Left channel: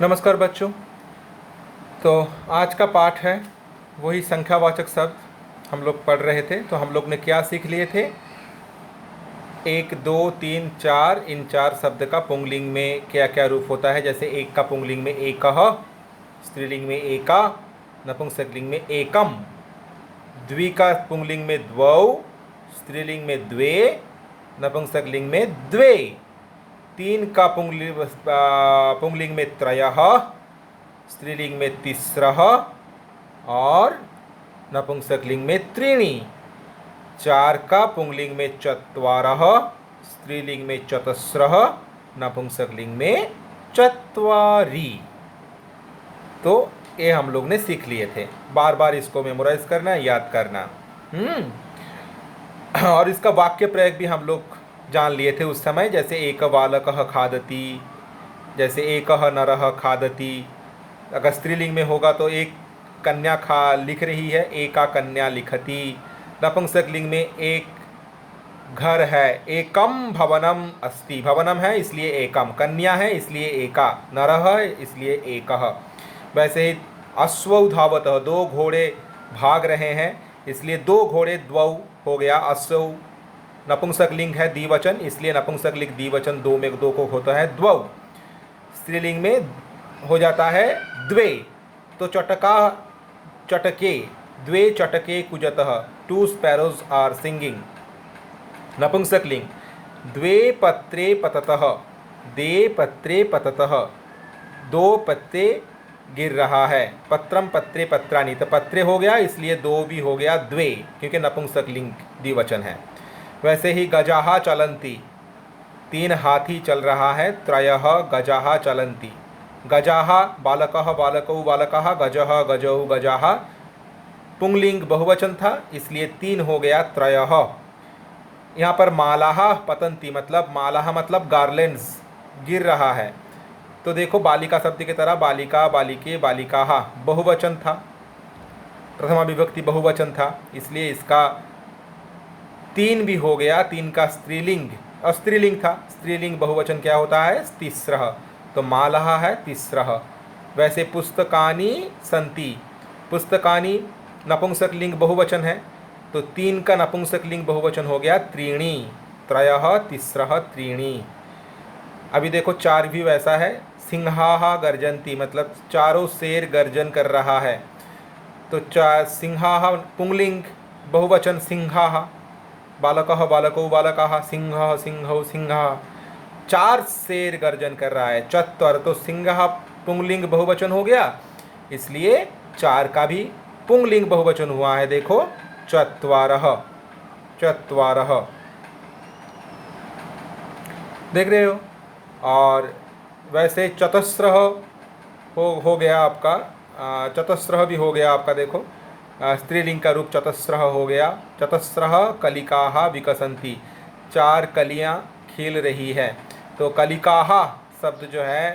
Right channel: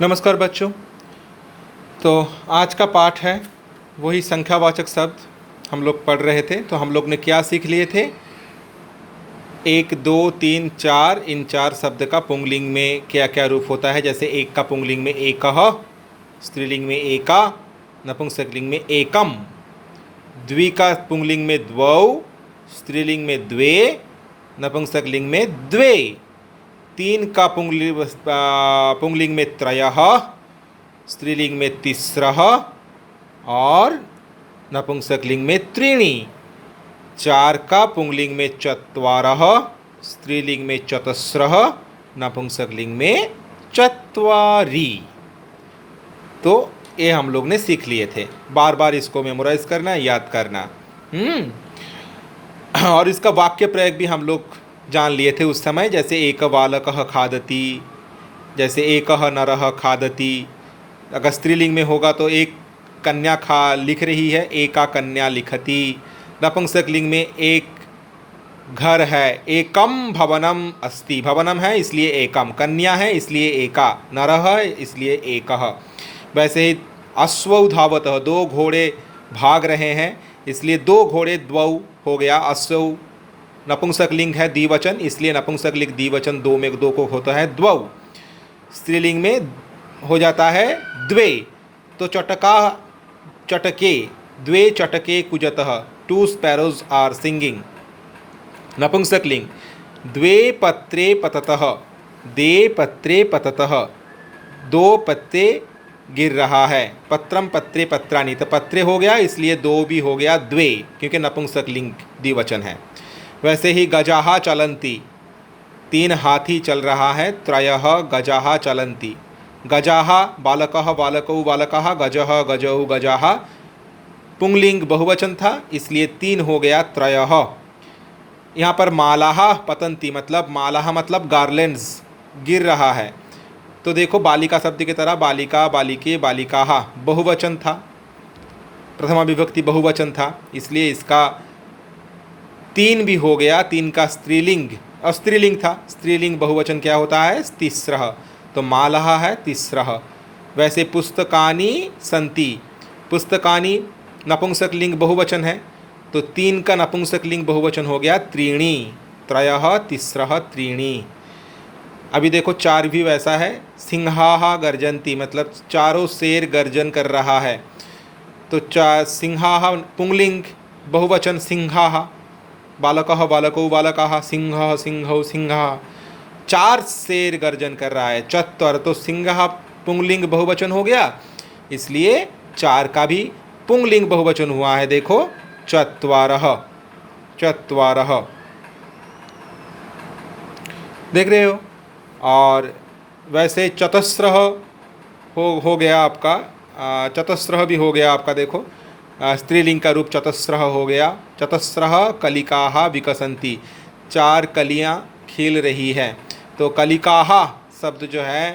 नमस्कार बच्चों। तो आज का पाठ है वही संख्यावाचक शब्द हम लोग पढ़ रहे थे। तो हम लोग ने क्या सीख लिए थे? एक, दो, तीन, चार, इन चार शब्द का पुंगलिंग में क्या क्या रूप होता है। जैसे एक का पुंगलिंग में एकः, स्त्रीलिंग में एका, नपुंसकलिंग में एकम, द्वि का पुंगलिंग में द्वौ, स्त्रीलिंग में द्वे, नपुंसकलिंग में द्वे, तीन का पुंगलिंग में त्रयः, स्त्रीलिंग में तिस्रः और नपुंसकलिंग में त्रीणि, चार का पुंगलिंग में चत्वारः, स्त्रीलिंग में चतस्रः, नपुंसकलिंग में चत्वारि। तो ये हम लोग ने सीख लिए थे। बार बार इसको मेमोराइज करना, याद करना। और इसका वाक्य प्रयोग भी हम लोग जान लिए थे उस समय। जैसे एक बालकः खादति, जैसे एकः नरः खादति। अगर स्त्रीलिंग में होगा तो एक कन्या खा लिख रही है, एका कन्या लिखति। नपुंसकलिंग में एक घर है, एकम भवनम अस्ति, भवनम है इसलिए एकम, कन्या है इसलिए एका, नरः है इसलिए एकः। वैसे ही अश्वौ धावतः, दो घोड़े भाग रहे हैं इसलिए दो घोड़े द्वौ हो गया। अश्वौ नपुंसकलिंग है, द्विवचन, इसलिए नपुंसकलिंग द्विवचन दो में दो को होता है द्वौ। स्त्रीलिंग में हो जाता है द्वे। तो चटका चटके, द्वे चटके कुजतः, टू स्पैरोज आर सिंगिंग। नपुंसकलिंग द्वे पत्रे पततः, दे पत्रे पततः, दो पत्ते गिर रहा है। पत्रम पत्रे पत्राणि, तो पत्रे हो गया इसलिए दो भी हो गया द्वे, क्योंकि नपुंसकलिंग द्विवचन है। वैसे ही गजाहा चलंती, तीन हाथी चल रहा है। त्रयः गजाहा चलंती, गजाहा बालकः बालकौ बालकः, गजः गजौ गजाः, पुंगलिंग बहुवचन था इसलिए तीन हो गया त्रयः। यहाँ पर मालाहा पतंती, मतलब मालाहा मतलब गार्लेंड्स, गिर रहा है। तो देखो बालिका शब्द की तरह बालिका, बालिके, बालिकाः बहुवचन था, प्रथमा विभक्ति बहुवचन था, इसलिए इसका तीन भी हो गया। तीन का स्त्रीलिंग और स्त्रीलिंग था, स्त्रीलिंग बहुवचन क्या होता है? तिस्रः। तो मालः है तिस्रः। वैसे पुस्तकानि सन्ति, पुस्तकानि नपुंसकलिंग बहुवचन है तो तीन का नपुंसकलिंग बहुवचन हो गया त्रीणि, त्रयः तिस्रः त्रीणि। अभी देखो चार भी वैसा है। सिंहाः गर्जन्ति, मतलब चारों शेर गर्जन कर रहा है। तो सिंहाः पुंगलिंग बहुवचन सिंहाः, बालकः बालकौ बालकाः, सिंहः सिंहौ सिंहाः, चार शेर गर्जन कर रहा है। चत्वर, तो सिंह पुंगलिंग बहुवचन हो गया इसलिए चार का भी पुंगलिंग बहुवचन हुआ है। देखो चत्वारः, चत्वारः, देख रहे हो। और वैसे चतस्रः हो गया आपका, चतस्रः भी हो गया आपका। देखो स्त्रीलिंग का रूप चतस्रः हो गया। चतस्रः कलिकाः विकसन्ति, चार कलियां खिल रही है। तो कलिकाः शब्द जो है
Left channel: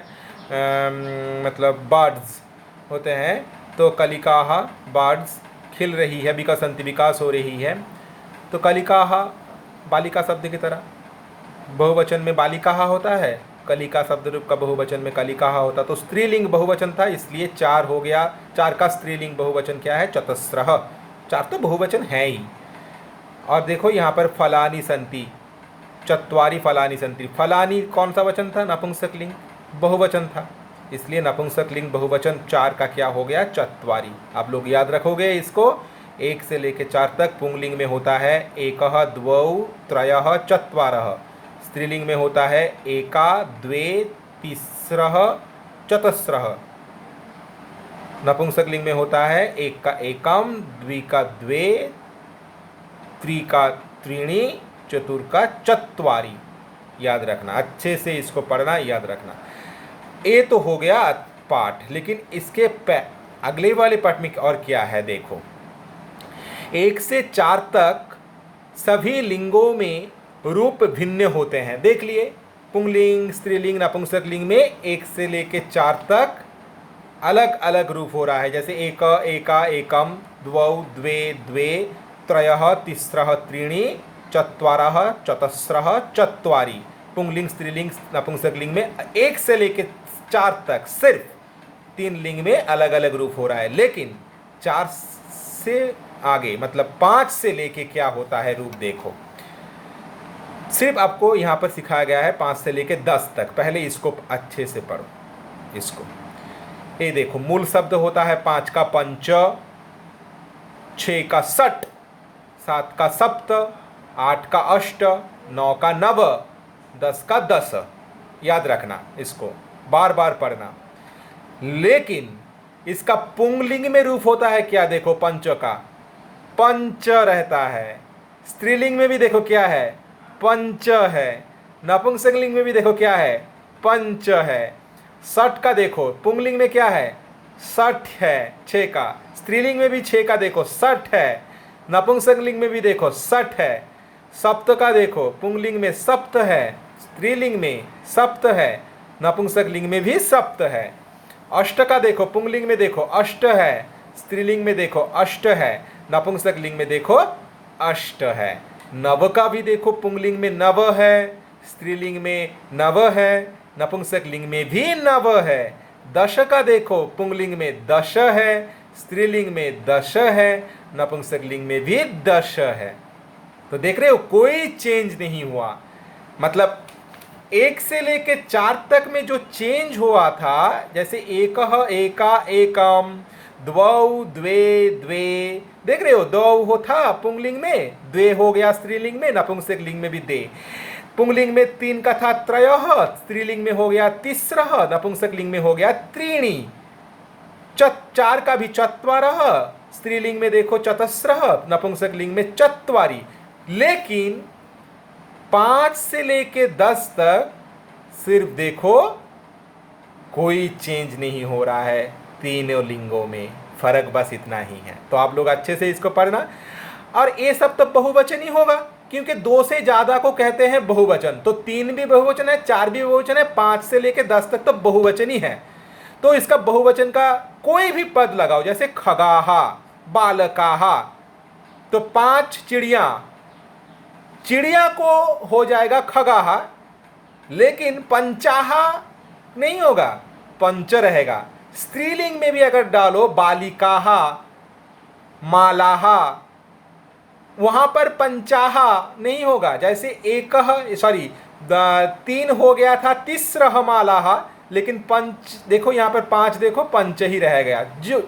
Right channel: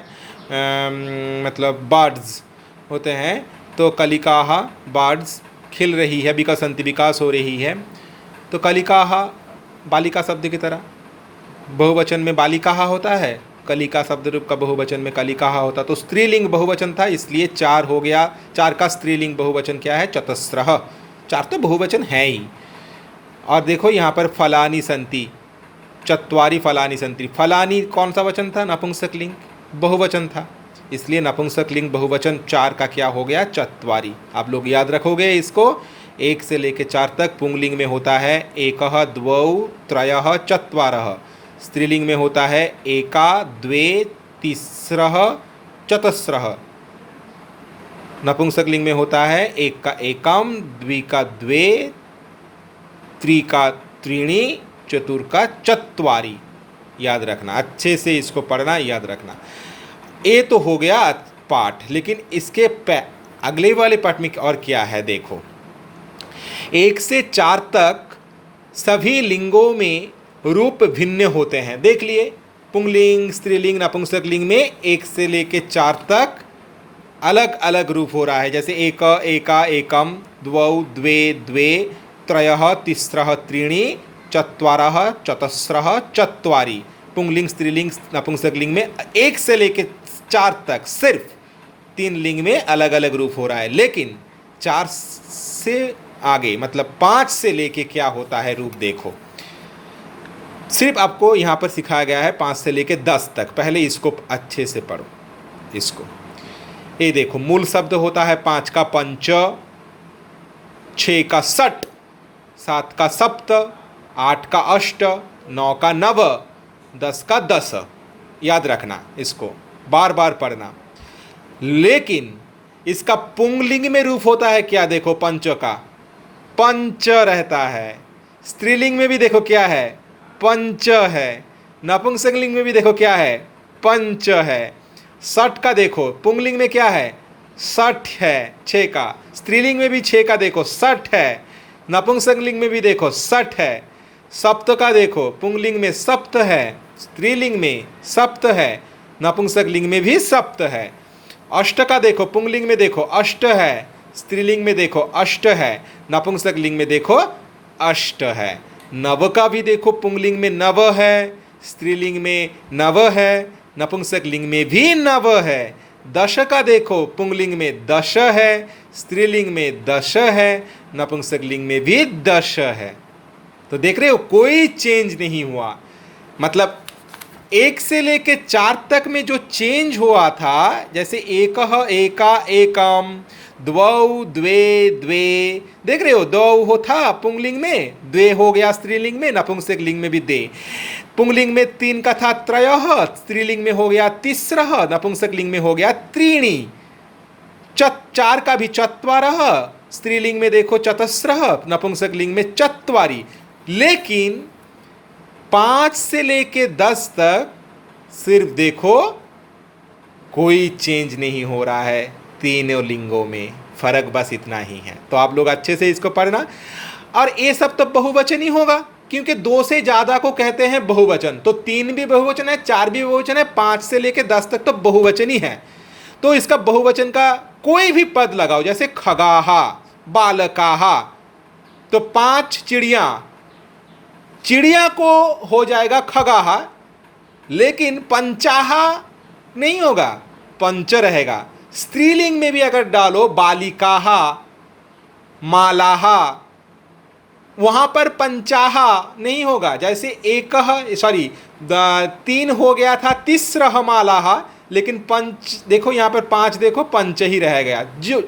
मतलब बर्ड्स होते हैं। तो कलिकाः बर्ड्स खिल रही है, विकसन्ति विकास हो रही है। तो कलिकाः बालिका शब्द की तरह, बहुवचन में बालिकाः होता है, कलिका शब्द रूप का बहुवचन में कलिकाः होता। तो स्त्रीलिंग बहुवचन था इसलिए चार हो गया। चार का स्त्रीलिंग बहुवचन क्या है? चतस्रः। चार तो बहुवचन है ही। और देखो यहाँ पर फलानि सन्ति, चत्वारि फलानि सन्ति। फलानि कौन सा वचन था? नपुंसकलिंग बहुवचन था इसलिए नपुंसकलिंग बहुवचन चार का क्या हो गया? चत्वारि। आप लोग याद रखोगे इसको। एक से लेकर चार तक पुंगलिंग में होता है एकः द्वौ त्रयः चत्वारः, स्त्रीलिंग में होता है एका द्वे तिस्रः चतस्रः, नपुंसकलिंग में होता है एक का एकम, द्वि का द्वे, त्रि का त्रीणि, चतुर का चत्वारि। याद रखना, अच्छे से इसको पढ़ना, याद रखना। ये तो हो गया पाठ, लेकिन इसके अगले वाले पाठ में और क्या है देखो। एक से चार तक सभी लिंगों में रूप भिन्न होते हैं। देख लिए पुंगलिंग, स्त्रीलिंग, नपुंसकलिंग में एक से लेके चार तक अलग अलग रूप हो रहा है। जैसे एक, एका, एकम, द्वौ द्वे द्वे, त्रयः तिस्रः त्रीणि, चत्वारः चतस्रः चत्वारि। पुंगलिंग, स्त्रीलिंग, नपुंसकलिंग में एक से लेके 4 तक सिर्फ 3 लिंग में अलग अलग रूप हो रहा है, लेकिन 4 से आगे मतलब 5 से लेके क्या होता है रूप देखो। सिर्फ आपको यहाँ पर सिखाया गया है 5 से लेके 10 तक। पहले इसको अच्छे से पढ़ो। इसको ये देखो, मूल शब्द होता है 5 का पंच, 6 का सट, 7 का सप्त, 8 का अष्ट, 9 का नव, 10 का दस। याद रखना, इसको बार बार पढ़ना। लेकिन इसका पुंगलिंग में रूप होता है क्या, देखो पंच का पंच रहता है। स्त्रीलिंग में भी देखो क्या है, पंच है। नपुंसकलिंग में भी देखो क्या है, पंच है। सठ का देखो पुंगलिंग में क्या है, सठ है 6 का। स्त्रीलिंग में भी 6 का देखो सठ है। नपुंसकलिंग में भी देखो सठ है। सप्त का देखो पुंगलिंग में सप्त है, स्त्रीलिंग में सप्त है, नपुंसकलिंग में भी सप्त है। अष्ट का देखो पुंगलिंग में देखो अष्ट है, स्त्रीलिंग में देखो अष्ट है, नपुंसकलिंग में देखो अष्ट है। नव का भी देखो पुंगलिंग में नव है, स्त्रीलिंग में नव है, नपुंसकलिंग में भी नव है। दश का देखो पुंगलिंग में दश है, स्त्रीलिंग में दश है, नपुंसकलिंग में भी दश है। तो देख रहे हो कोई चेंज नहीं हुआ। मतलब 1 से लेके 4 तक में जो चेंज हुआ था, जैसे एकह एका एकम, द्वौ द्वे द्वे, देख रहे हो द्वौ हो था पुंगलिंग में, द्वे हो गया स्त्रीलिंग में, नपुंसकलिंग में भी दे। पुंगलिंग में 3 का था त्रयः, स्त्रीलिंग में हो गया तिस्रः, नपुंसकलिंग में हो गया त्रीणि। 4 का भी चत्वारः, स्त्रीलिंग में देखो चतस्रः, नपुंसकलिंग में चत्वारि। लेकिन 5 से लेके 10 तक सिर्फ देखो कोई चेंज नहीं हो रहा है। तीनों लिंगों में फर्क बस इतना ही है। तो आप लोग अच्छे से इसको पढ़ना। और ये सब तो बहुवचन ही होगा, क्योंकि 2 से ज्यादा को कहते हैं बहुवचन। तो 3 भी बहुवचन है, 4 भी बहुवचन है, 5 से लेके 10 तक तो बहुवचन ही है। तो इसका बहुवचन का कोई भी पद लगाओ, जैसे खगाहा, बालकाहा, तो 5 चिड़िया, चिड़िया को हो जाएगा खगाहा, लेकिन पंचाहा नहीं होगा, पंच रहेगा। स्त्रीलिंग में भी अगर डालो बालिकाहा, मालाहा, वहां पर पंचाहा नहीं होगा। जैसे एकह सॉरी 3 हो गया था तिस्रह मालाहा, लेकिन पंच देखो यहाँ पर 5 देखो पंच ही रह गया। जो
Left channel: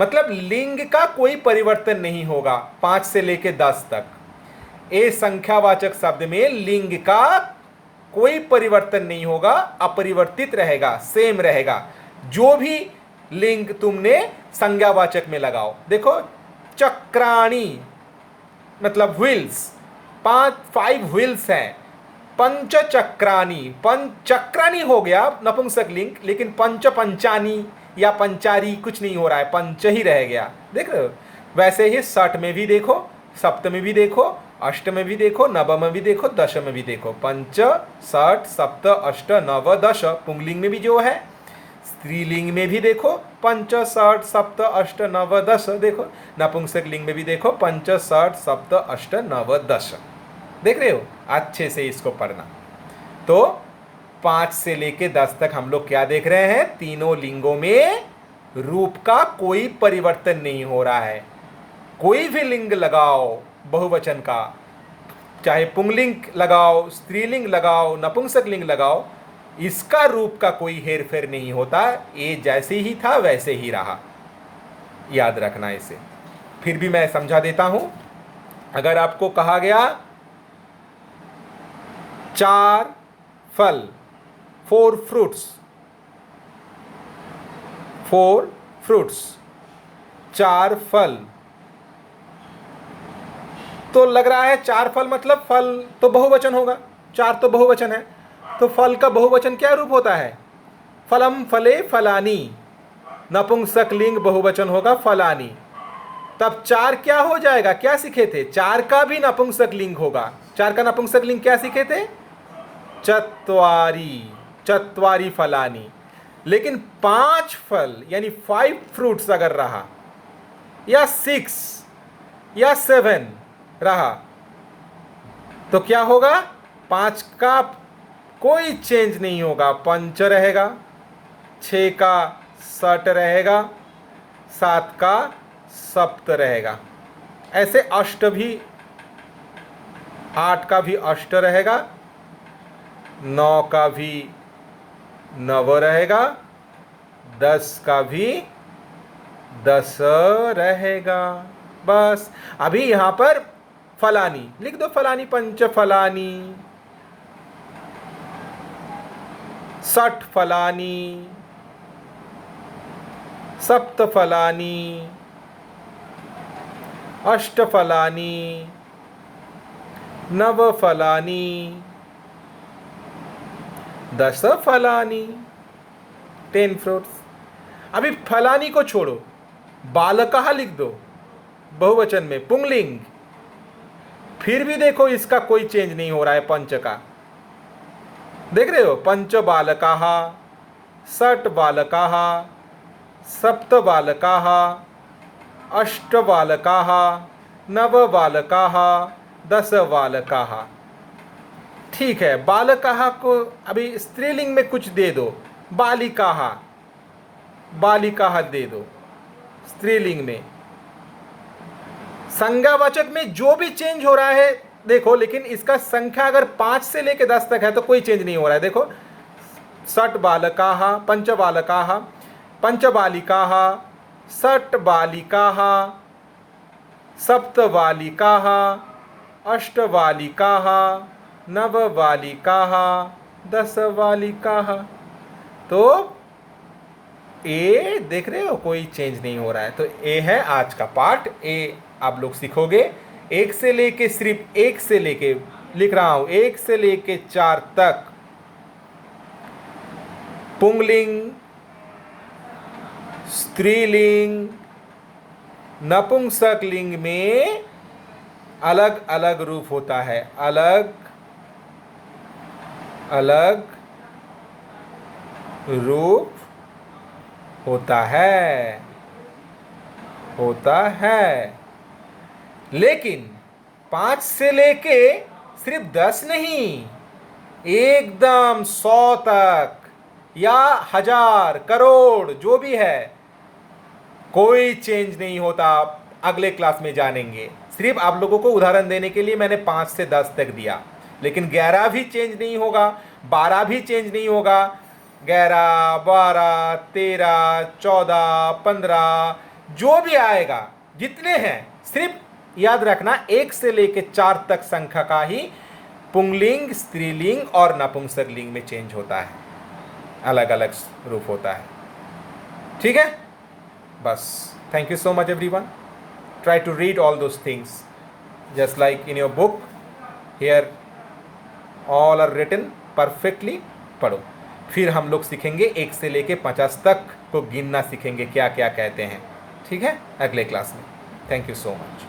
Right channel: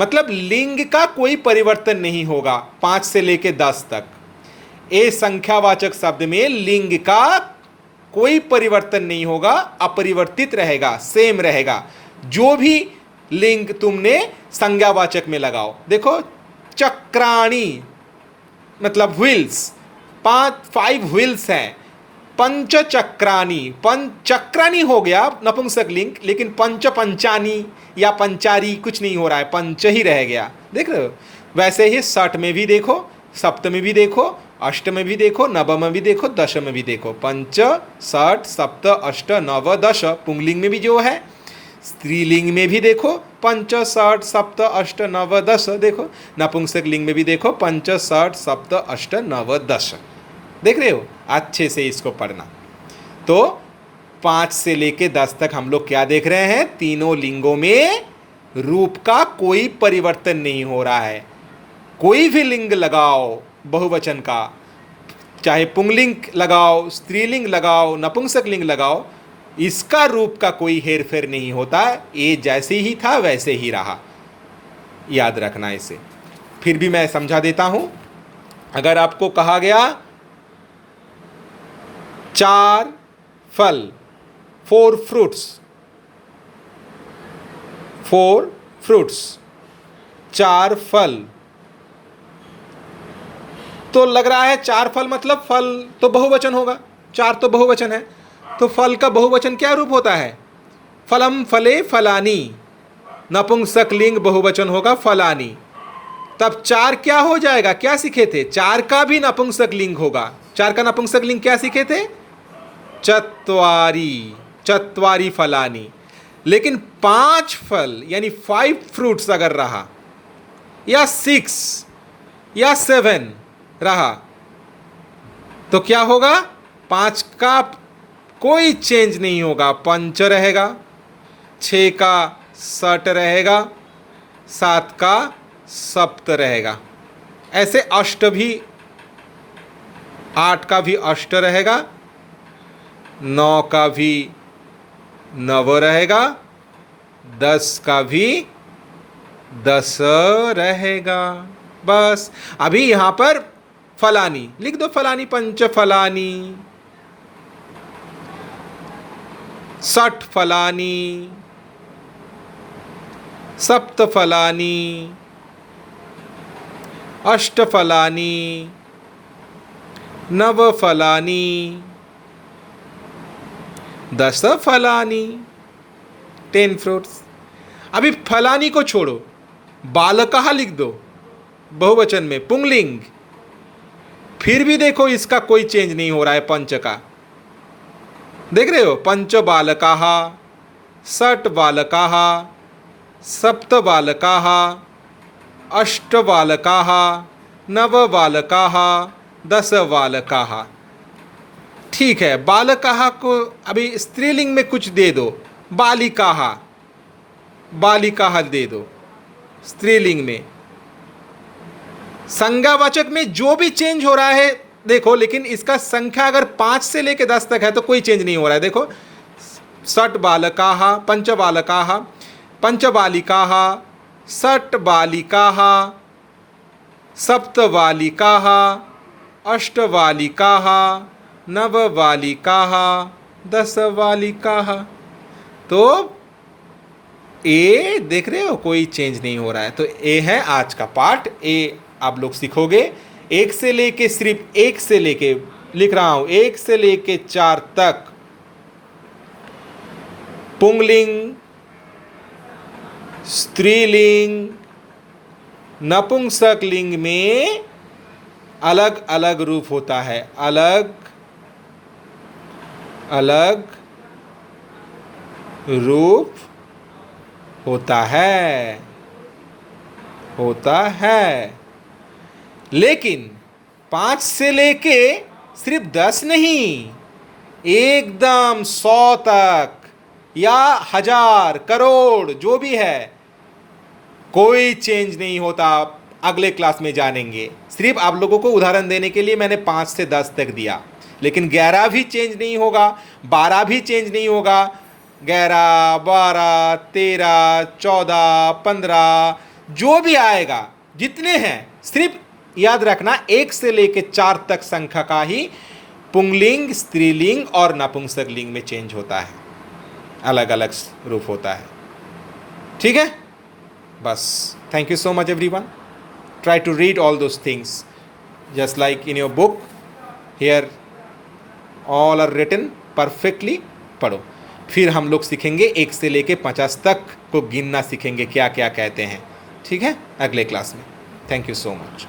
मतलब लिंग का कोई परिवर्तन नहीं होगा 5 से लेके 10 तक। ए संख्यावाचक शब्द में लिंग का कोई परिवर्तन नहीं होगा, अपरिवर्तित रहेगा, सेम रहेगा। जो भी लिंग तुमने संज्ञावाचक में लगाओ, देखो चक्राणी मतलब व्हील्स, 5 व्हील्स हैं। पंच चक्राणी, चक्राणी हो गया नपुंसकलिंग, लेकिन पंच पंचानी या पंचारी कुछ नहीं हो रहा है, पंच ही रह गया। देख रहे हो। वैसे ही सठ में भी देखो, सप्त में भी देखो, अष्ट में भी देखो, नव में भी देखो, दश में भी देखो। पंच सठ सप्त अष्ट नव दश पुंगलिंग में भी जो है, स्त्रीलिंग में भी देखो पंच सठ सप्त अष्ट नव दश, देखो नपुंसक लिंग में भी देखो पंच सठ सप्त अष्ट नव दश। देख रहे हो। अच्छे से इसको पढ़ना। तो 5 से लेके 10 तक हम लोग क्या देख रहे हैं, तीनों लिंगों में रूप का कोई परिवर्तन नहीं हो रहा है। कोई भी लिंग लगाओ बहुवचन का, चाहे पुंगलिंग लगाओ, स्त्रीलिंग लगाओ, नपुंसक लिंग लगाओ, इसका रूप का कोई हेरफेर नहीं होता। ये जैसे ही था वैसे ही रहा। याद रखना इसे। फिर भी मैं समझा देता हूं। अगर आपको कहा गया 4 फल, 4 फ्रूट्स, 4 फ्रूट्स, 4 फल, तो लग रहा है 4 फल मतलब फल तो बहुवचन होगा, 4 तो बहुवचन है। तो फल का बहुवचन क्या रूप होता है, फलम फले फलानी, नपुंसक लिंग बहुवचन होगा फलानी। तब 4 क्या हो जाएगा, क्या सीखे थे, 4 का भी नपुंसक लिंग होगा। 4 का नपुंसक लिंग क्या सीखे थे, चत्वारी, चत्वारी फलानी। लेकिन 5 फल यानी 5 फ्रूट्स अगर रहा, या 6 या 7 रहा, तो क्या होगा, 5 का कोई चेंज नहीं होगा, पंच रहेगा। 6 का सट रहेगा, 7 का सप्त रहेगा। ऐसे अष्ट भी, 8 का भी अष्ट रहेगा, 9 का भी नव रहेगा, 10 का भी 10 रहेगा। बस अभी यहां पर फलानी लिख दो, फलानी पंच फलानी, 60 फलानी, सप्त फलानी, अष्ट फलानी, नव फलानी, 10 फलानी, 10 फ्रूट्स। अभी फलानी को छोड़ो, बालकः लिख दो बहुवचन में, पुंगलिंग। फिर भी देखो इसका कोई चेंज नहीं हो रहा है पंच का। देख रहे हो, पंच बालकाः, षट बालकाः, सप्त बालकाः, अष्ट बालकाः, नव बालकाः, 10 बालकाः। ठीक है, बालकाः को अभी स्त्रीलिंग में कुछ दे दो, बालिकाः, बालिकाः दे दो स्त्रीलिंग में। संज्ञावाचक में जो भी चेंज हो रहा है देखो, लेकिन इसका संख्या अगर 5 से लेकर 10 तक है तो कोई चेंज नहीं हो रहा है। देखो, षट बालकाः, पंच बालकाः, पंच बालिकाः, षट बालिकाः, सप्त बालिकाः, अष्ट बालिकाः, नव बालिकाः, 10 बालिकाः। तो ए देख रहे हो, कोई चेंज नहीं हो रहा है। तो ए है आज का पार्ट। ए आप लोग सीखोगे 1 से लेके, सिर्फ 1 से लेके लिख रहा हूं, 1 से लेके 4 तक पुंगलिंग, स्त्रीलिंग, नपुंसक लिंग में अलग अलग रूप होता है, अलग अलग रूप होता है। लेकिन 5 से लेके सिर्फ 10 नहीं, एकदम 100 तक या 1000 करोड़ जो भी है, कोई चेंज नहीं होता। अगले क्लास में जानेंगे। सिर्फ आप लोगों को उदाहरण देने के लिए मैंने 5 से 10 तक दिया, लेकिन 11 भी चेंज नहीं होगा, 12 भी चेंज नहीं होगा। 11, 12, 13, 14, 15 जो भी आएगा, जितने हैं, सिर्फ याद रखना 1 से लेके 4 तक संख्या का ही पुंगलिंग, स्त्रीलिंग और नपुंसक लिंग में चेंज होता है, अलग अलग रूप होता है। ठीक है, बस। Thank you so much everyone. Try to read all those things just like in your book, here all are written perfectly. पढ़ो। फिर हम लोग सीखेंगे 1 से लेके 50 तक को गिनना सीखेंगे, क्या क्या कहते हैं। ठीक है, अगले क्लास में। Thank you so much.